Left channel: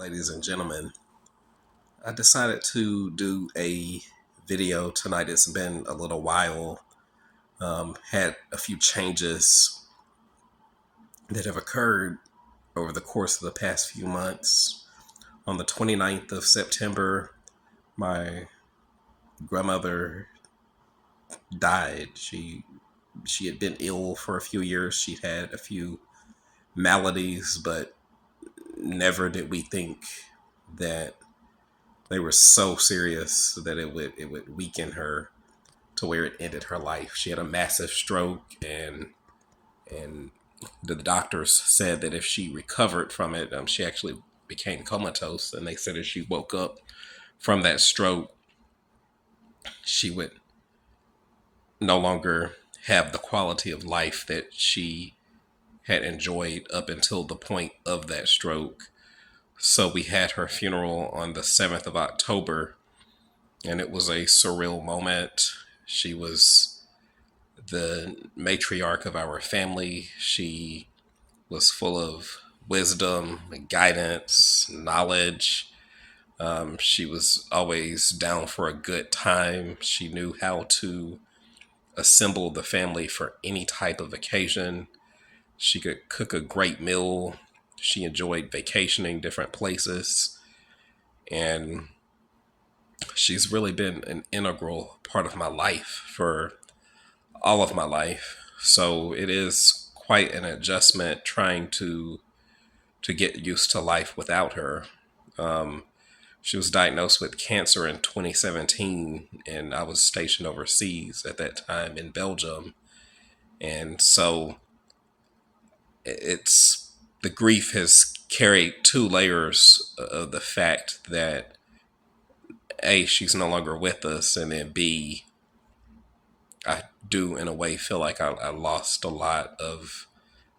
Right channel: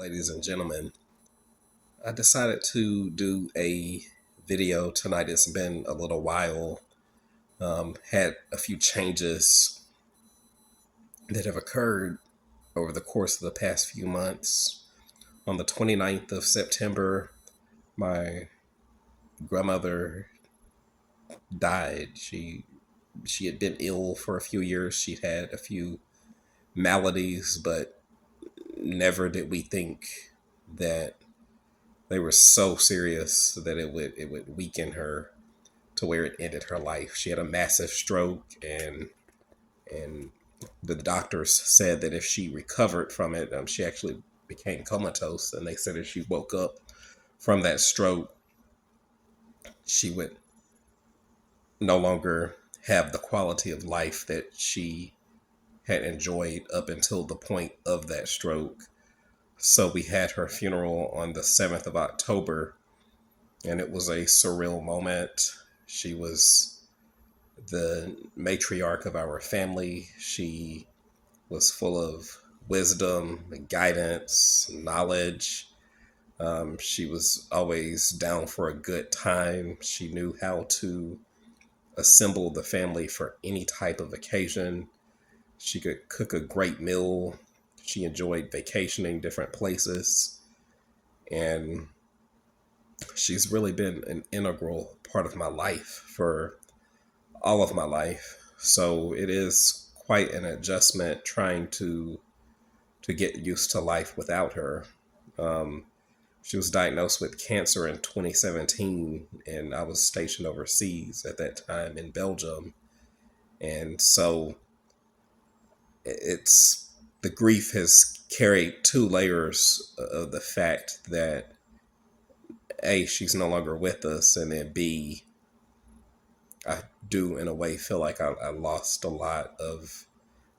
ladies and gentlemen. I decided to do a video tonight. It's been a little while. Had a few changes that have occurred over the course of the past few months. On the 29th of September, my grandmother died. She had been ill for a few years. She'd had a few maladies, but never did we think that they were so serious that it would weaken her to where it ended her life. She had a massive stroke, and the doctors said that if she recovered from it, she actually became comatose. And they said if she woke up from that stroke, she would no longer have the quality of life that she had enjoyed up until the point of that stroke. So we had her funeral on the 7th of October, and it was a surreal moment. She was the matriarch of our family. She was full of wisdom, guidance, knowledge. She was always down for a good time. She knew how to assemble the family for any type of occasion. She could cook a great meal. She enjoyed vacationing different places. And she's really been an integral part of my life for all of my life. So it is quite an adjustment trying to get used to life without her. Um, she was diagnosed with cancer in 2017, and I was stationed overseas at that time in Belgium. And so it's the grief has carried two layers of the fact that A, she's no longer with us, and then B, I do in a way feel like I lost a lot of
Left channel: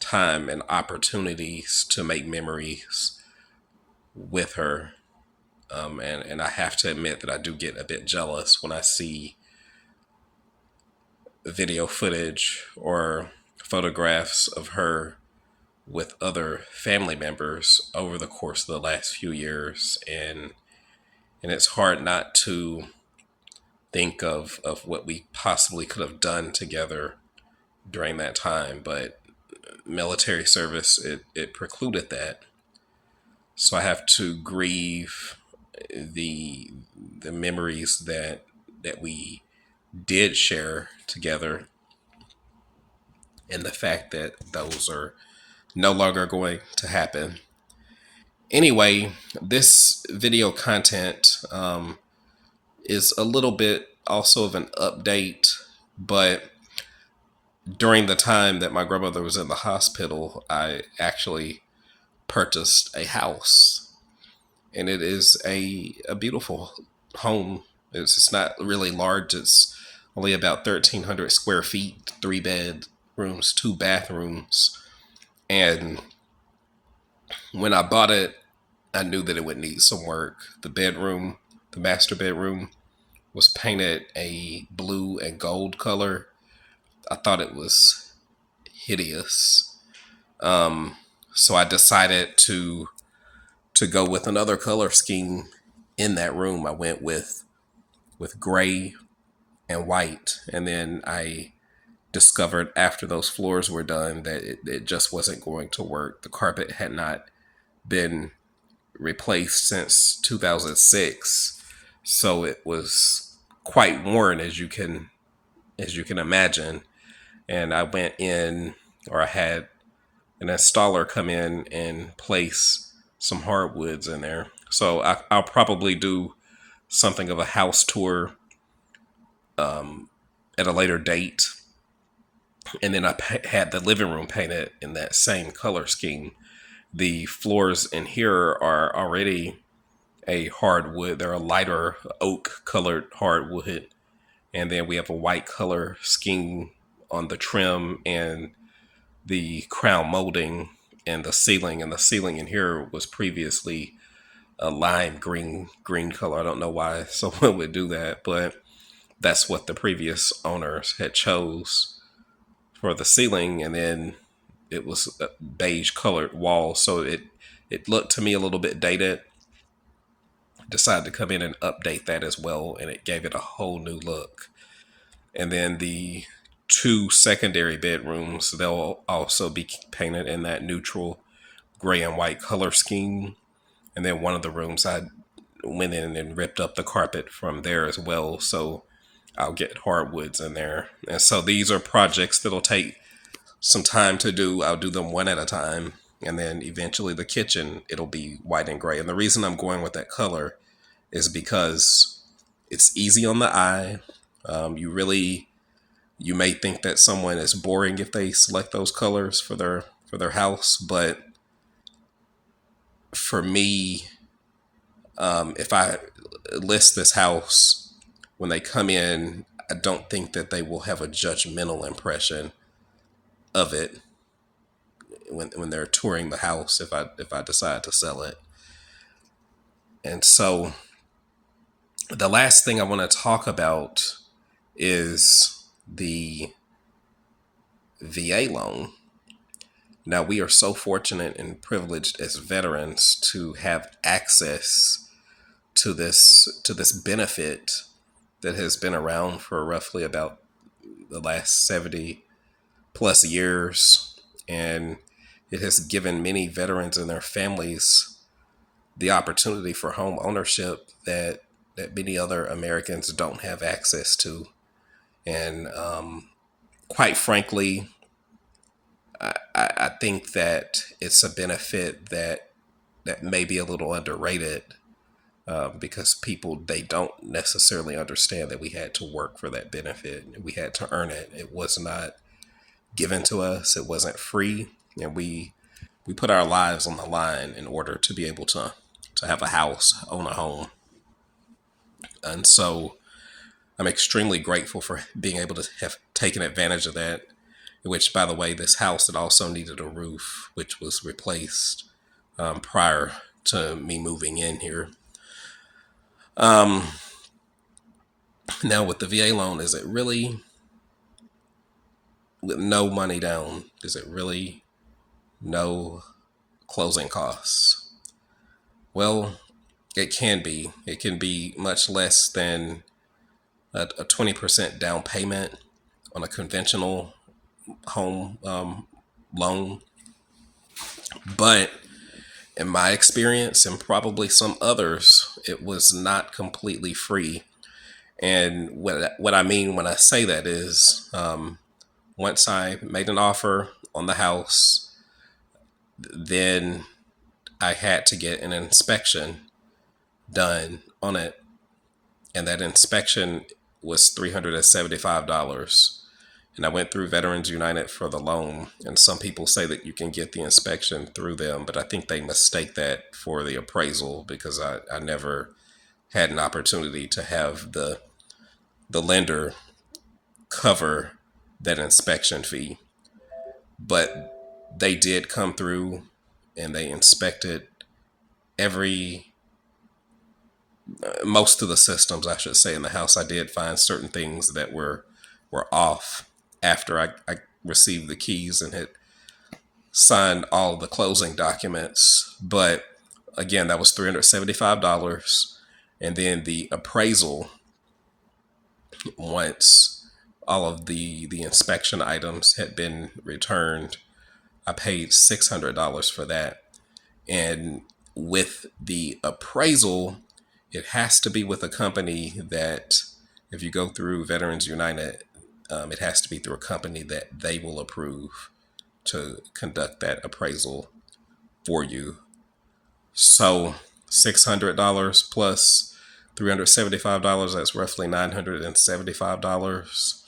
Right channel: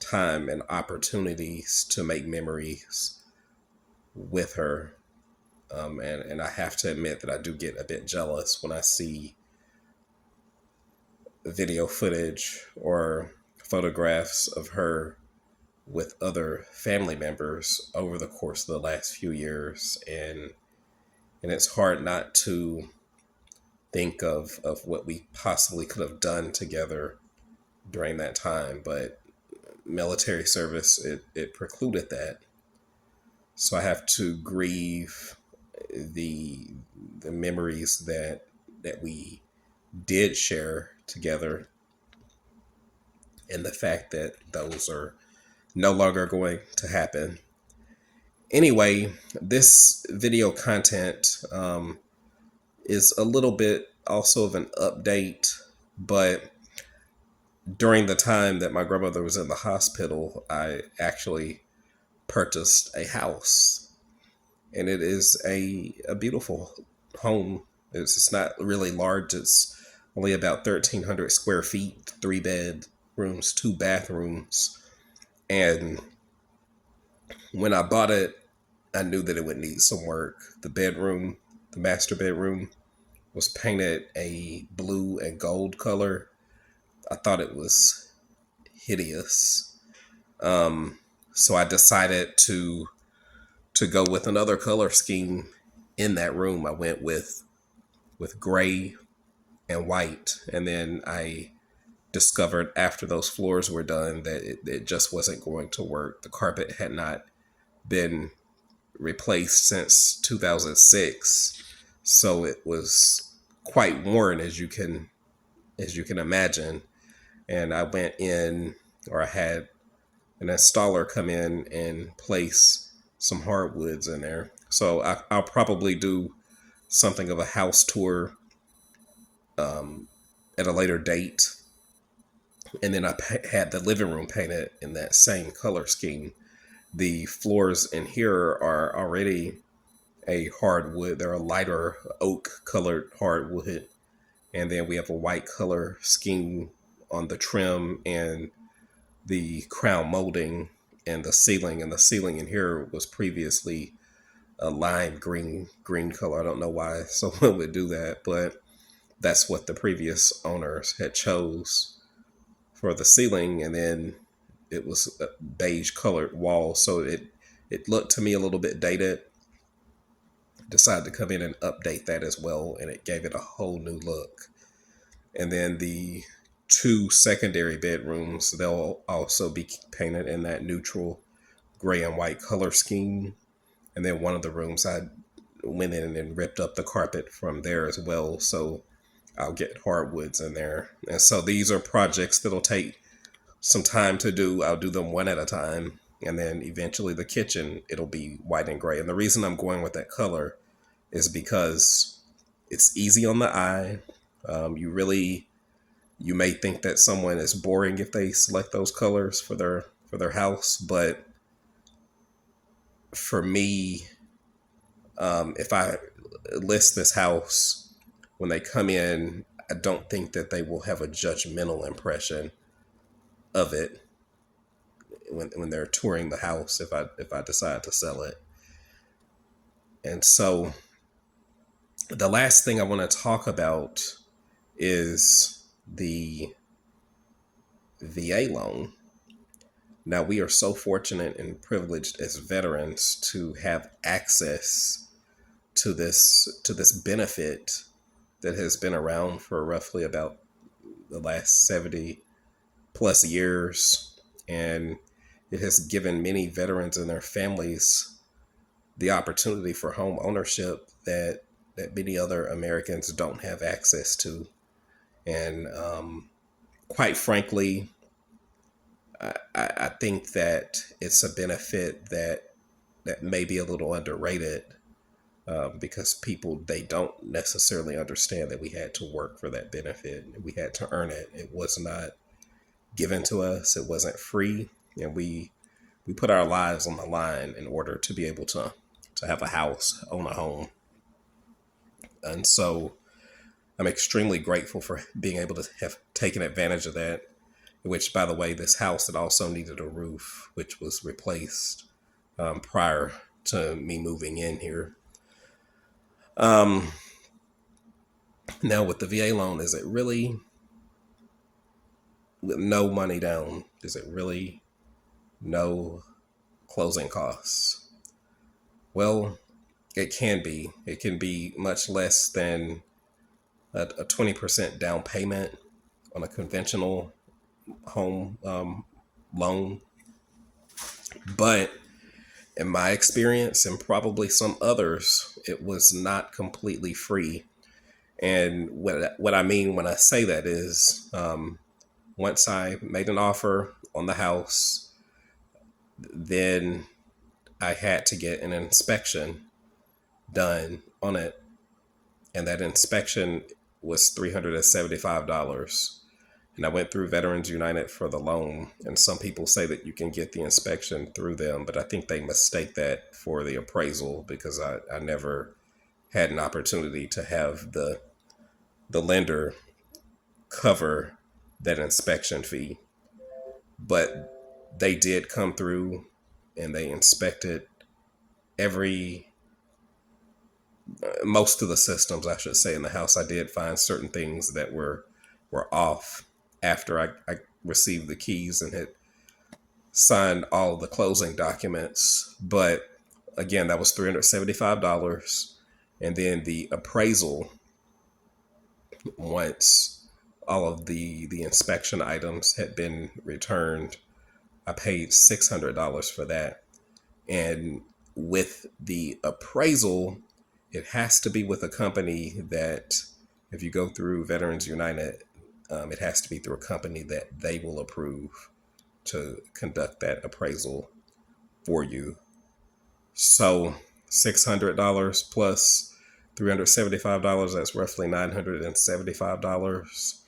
time and opportunities to make memories with her. And I have to admit that I do get a bit jealous when I see video footage or photographs of her with other family members over the course of the last few years. And it's hard not to think of what we possibly could have done together during that time. But military service, it precluded that. So I have to grieve the the memories that we did share together, and the fact that those are no longer going to happen. Anyway, this video content is a little bit also of an update, but during the time that my grandmother was in the hospital, I actually purchased a house, and it is a beautiful home. It's not really large. It's only about 1,300 square feet, 3 bedrooms, 2 bathrooms. And when I bought it, I knew that it would need some work. The bedroom, the master bedroom, was painted a blue and gold color. I thought it was hideous. So I decided to go with another color scheme in that room. I went with gray and white, and then I discovered after those floors were done that it just wasn't going to work. The carpet had not been replaced since 2006, so it was quite worn, as you can imagine. And I went in, or I had an installer come in and place some hardwoods in there. So I'll probably do something of a house tour at a later date. And then I had the living room painted in that same color scheme. The floors in here are already a hardwood. They're a lighter oak colored hardwood. And then we have a white color scheme on the trim and the crown molding and the ceiling. And the ceiling in here was previously a lime green color. I don't know why someone would do that, but that's what the previous owners had chose for the ceiling. And then it was a beige colored wall, so it it looked to me a little bit dated. Decided to come in and update that as well, and it gave it a whole new look. And then the two secondary bedrooms, they'll also be painted in that neutral gray and white color scheme. And then one of the rooms, I went in and ripped up the carpet from there as well. So I'll get hardwoods in there. And so these are projects that'll take some time to do. I'll do them one at a time. And then eventually the kitchen, it'll be white and gray. And the reason I'm going with that color is because it's easy on the eye. You may think that someone is boring if they select those colors for their house, but for me, if I list this house, when they come in, I don't think that they will have a judgmental impression of it when they're touring the house if I decide to sell it. And so the last thing I want to talk about is the VA loan. Now, we are so fortunate and privileged as veterans to have access to this benefit that has been around for roughly about the last 70 plus years, and it has given many veterans and their families the opportunity for home ownership that many other Americans don't have access to. And quite frankly, I think that it's a benefit that may be a little underrated, because people, they don't necessarily understand that we had to work for that benefit. We had to earn it. It was not given to us. It wasn't free, and we put our lives on the line in order to be able to have a house, own a home. And so I'm extremely grateful for being able to have taken advantage of that. Which, by the way, this house, it also needed a roof, which was replaced prior to me moving in here. Now, with the VA loan, is it really, with no money down, is it really no closing costs? Well, it can be. It can be much less than a 20% down payment on a conventional home loan. But in my experience, and probably some others, it was not completely free. And what I mean when I say that is, once I made an offer on the house, then I had to get an inspection done on it. And that inspection was $375. And I went through Veterans United for the loan. And some people say that you can get the inspection through them, but I think they mistake that for the appraisal, because I never had an opportunity to have the lender cover that inspection fee. But they did come through and they inspected every most of the systems, I should say, in the house. I did find certain things that were off after I received the keys and had signed all the closing documents. But again, that was $375. And then the appraisal, once all of the inspection items had been returned, I paid $600 for that. And with the appraisal, it has to be with a company that, if you go through Veterans United, it has to be through a company that they will approve to conduct that appraisal for you. So $600 plus $375, that's roughly $975.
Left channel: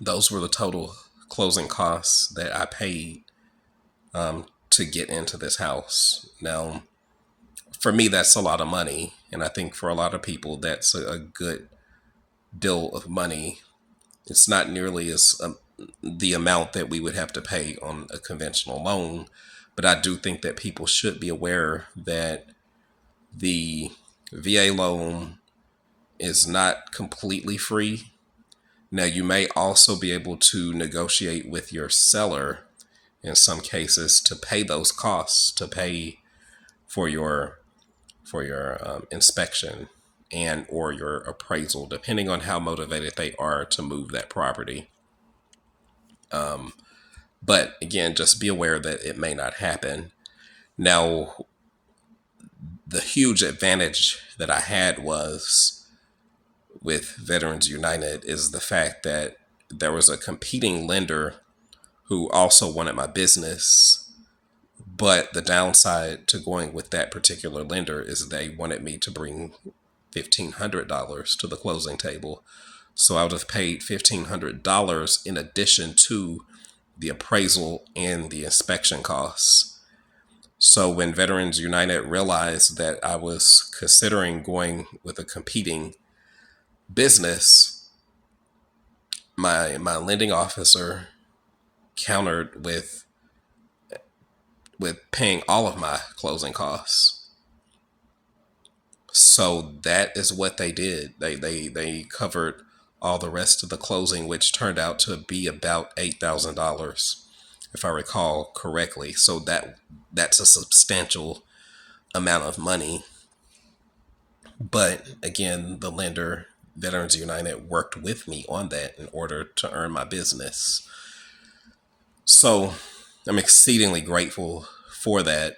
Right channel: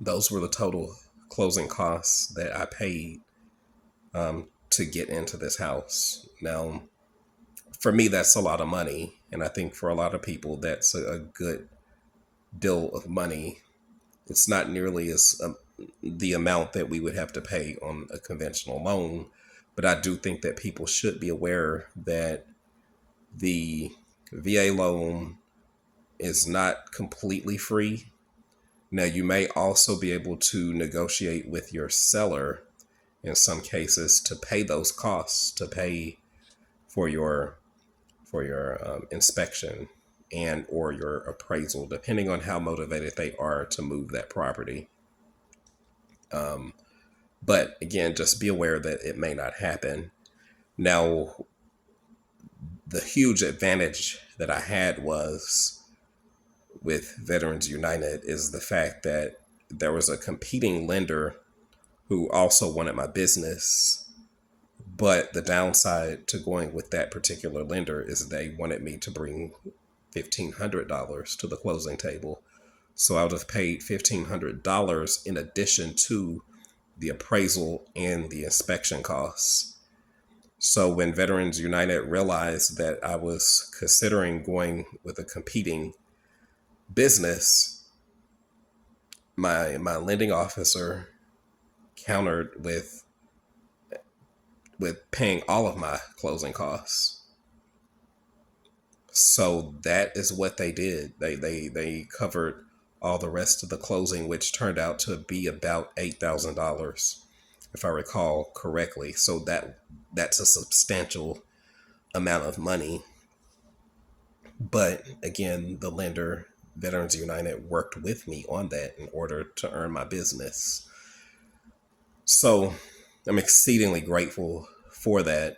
Those were the total closing costs that I paid to get into this house. Now, for me, that's a lot of money. And I think for a lot of people, that's a good deal of money. It's not nearly as the amount that we would have to pay on a conventional loan. But I do think that people should be aware that the VA loan is not completely free. Now, you may also be able to negotiate with your seller in some cases to pay those costs, to pay for your inspection and or your appraisal, depending on how motivated they are to move that property. But again, just be aware that it may not happen. Now, the huge advantage that I had was with Veterans United is the fact that there was a competing lender who also wanted my business. But the downside to going with that particular lender is they wanted me to bring $1,500 to the closing table. So I would have paid $1,500 in addition to the appraisal and the inspection costs. So when Veterans United realized that I was considering going with a competing business, my lending officer countered with paying all of my closing costs. So that is what they did. They covered all the rest of the closing, which turned out to be about $8,000, if I recall correctly. So that's a substantial amount of money. But again, the lender, Veterans United, worked with me on that in order to earn my business. So I'm exceedingly grateful for that.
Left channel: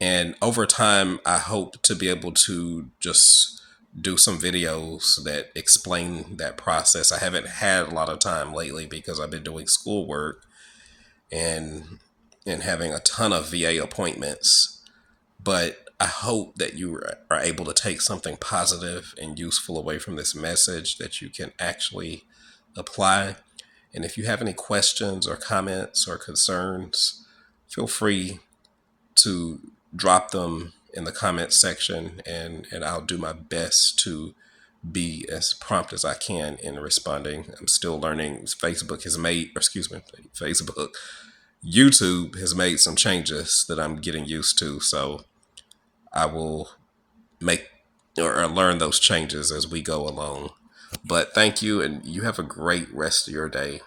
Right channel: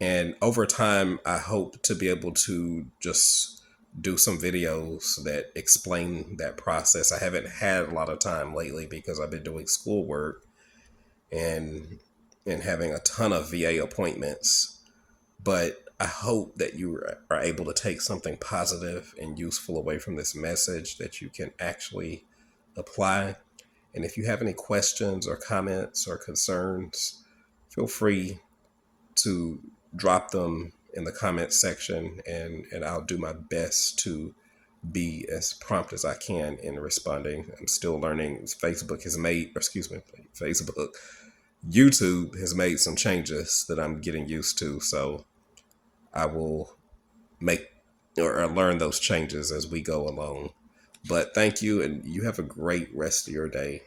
And over time, I hope to be able to just do some videos that explain that process. I haven't had a lot of time lately because I've been doing schoolwork and having a ton of VA appointments. But I hope that you are able to take something positive and useful away from this message that you can actually apply. And if you have any questions or comments or concerns, feel free to drop them in the comments section, and I'll do my best to be as prompt as I can in responding. I'm still learning. YouTube has made some changes that I'm getting used to. So I will make or learn those changes as we go along. But thank you, and you have a great rest of your day.